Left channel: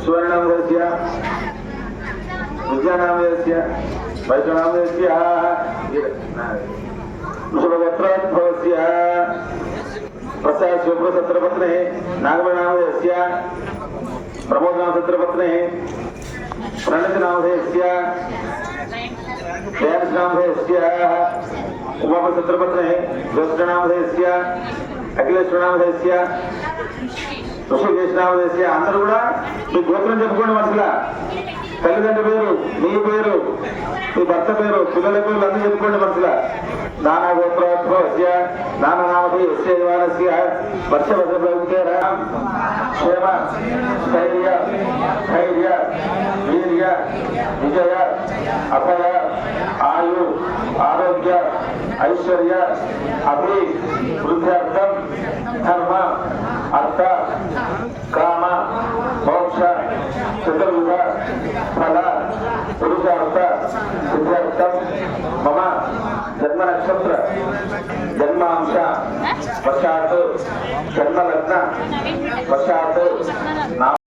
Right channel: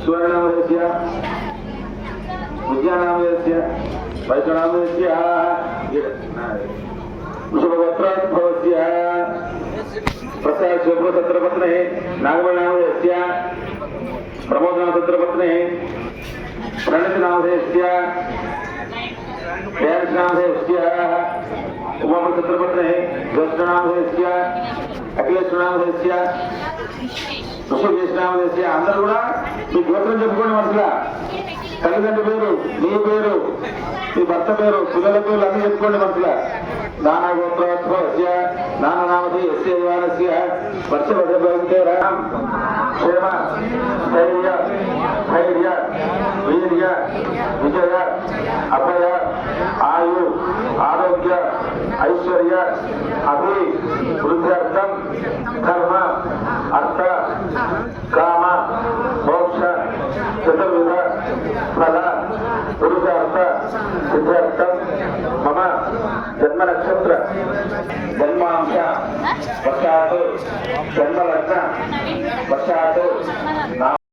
सुवर्णनामस्य विद्यानामस्य वैष्णवनामस्य वृषभगोत्रोद्भवस्य प्रसाद शिवपुरसत्रपत्ने नागवरनामस्य प्रमोदनामसत्रपत्ने प्रणतनामस्य दयानामस्य उमापसत्रपत्ने द्वस्त्रनामस्य अखिलेश्वरनामस्य ఋషికేశనామదేశ అందరూ కూడా మీ గోత్రం చెప్పుకోండి. మనసులా తల్లిదండ్రుల పేరు, నీ పేరు, మీ భర్త పేరు, పిల్లల పేరు అన్ని చెప్పుకోండి. మనసులా నానా గోత్రోద్భవస్య నానానామధేయస్య ద్వారస్య వర్షవశభవితేర క్షేమ స్థైర్య ధైర్య వీర్య విజయ అభయ ఆయు ఆరోగ్య ఐశ్వర్య అభి వృద్ధ్యర్థం కర్మ అర్థ కామ మోక్ష చతుర్విధ ఫల పురుషార్థ సిద్ధ్యర్థం మమ జన్మ నక్షత్ర జన్మాంశ వశాత్ జన్మలగ్న వశాత్